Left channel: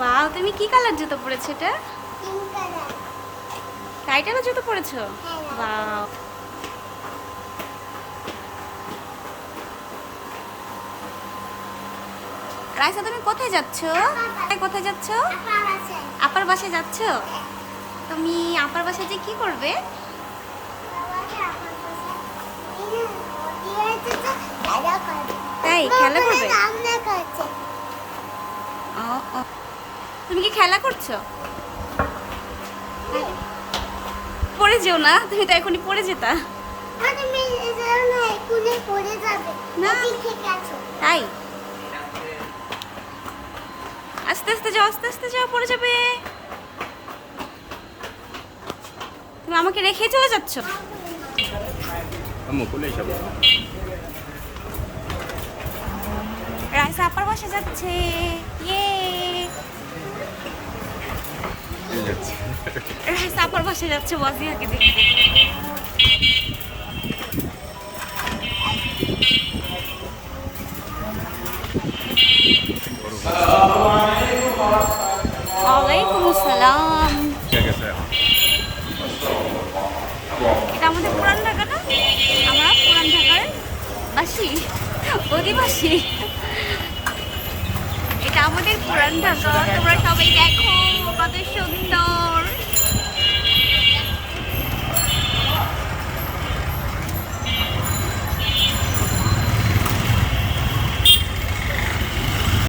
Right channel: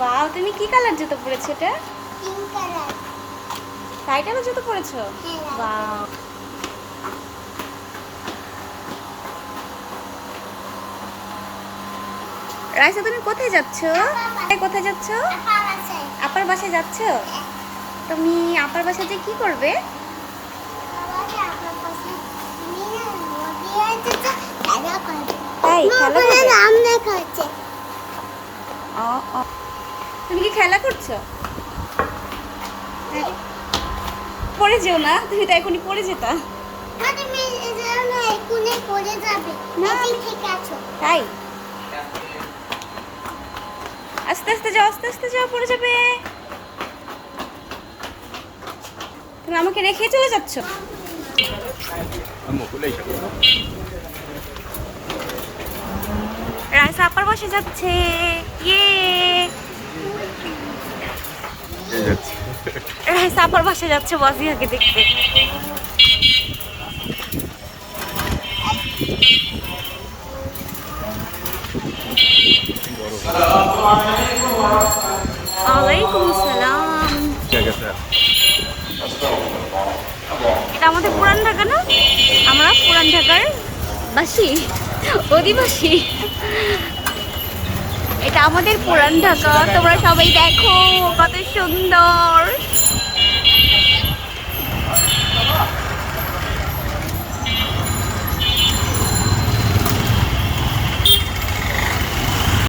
বাহ, তুমি কি কালার জুতো পরেছো এটা? Pink colour. টাইটানো জুতো পরেছো? হ্যাঁ। বাহ। রাইসা, তুমি কোথায় যাচ্ছো? কোথায় যাচ্ছো? আপার আছে। আপার বাসায় যাচ্ছো? তুমি আপার বাসায় যে কি করবে? তাই খেলা করবে? ও ও, তুমি কি খেলা করছো? পড়ে যেও না, তুমি তো এখনই পড়ে যেতা। না, আমি তাই আস্তে আস্তে যাও, আস্তে আস্তে যাও, পড়ে যাবে। তুমি আমাকে রেখে চলে যাচ্ছো? রাইসা আপার বাসায় যাচ্ছে। ইয়ে, রাইসা আপার বাসায় যাচ্ছে ওয়াজিহাকে দেখতে। ওয়ালাইকুম আসসালাম। এটা আমাদের পুরান ঢাকা না? আমরা পুরান ঢাকার বাসী, অধিবাসী। এটা আমাদের পুরান ঢাকা। তোমরা সবাই দেখো কত সুন্দর।